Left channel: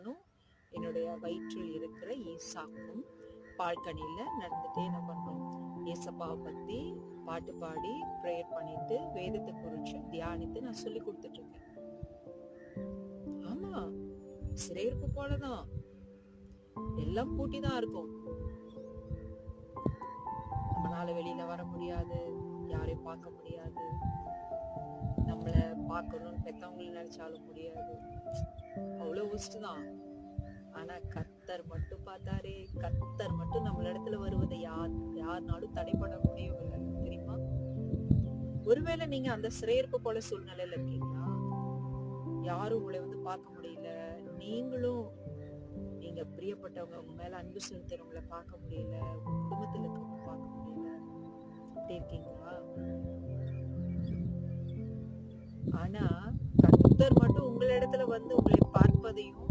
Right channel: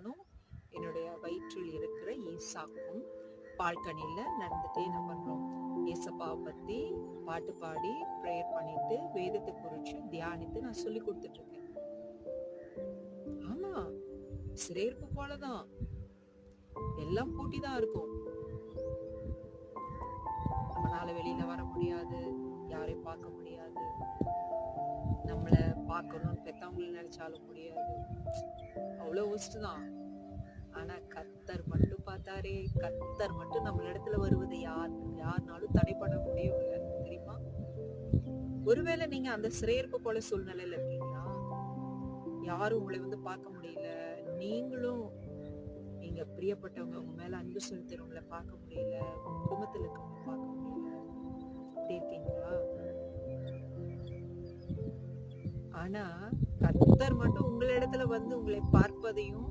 நானும் என்னுடைய வயிற்றில் இருக்கிற ஈசாக்கும் பால்கனியில நடந்துட்டு என்ன பண்றோம், ஏசப்பாவை பத்தி பாட்டு பாடி ப்ரேயர் பண்ணிட்டு வேதத்தை குறிச்சு தியானித்து நான் சொல்லி கொடுத்துட்டு இருக்கேன். ஆமா, சிறையிருப்பு போலதான், எல்லாம் பூட்டிதான் இருக்கும். நம்மளால வெளியில வர முடியாது, யாரையும் பார்க்க முடியாது, நம்மள பார்க்கணும்னு பெத்தவங்களை நினைச்சாலும் முடியாது, அவ்வளவு ஒஸ்ட் ஆனா கர்த்தர் மட்டும் பார்த்தாரே, கர்த்தர் மட்டும் நம்மள இடத்துல வருவதை யாருனாலும் தடை பண்ண முடியவில்லை, தெரியுமா? ஒருவேளை நீங்க அந்த சிறையிருப்பு போல சூழ்நிலையில இருக்கீங்களா? யாரும் உங்களை பார்க்க முடியல, நீங்களும் நீங்க பிரியப்பட்டவங்க உங்க மேல அன்பு செலுத்துறவங்களை பார்க்க முடியல, உங்க குடும்பத்துல இருக்கவங்க பார்க்க முடியல, அப்படி இருக்கீங்களா? ஆனா கர்த்தர் மட்டும் உங்களிடத்துல வந்து உங்களை பார்ப்பதையும்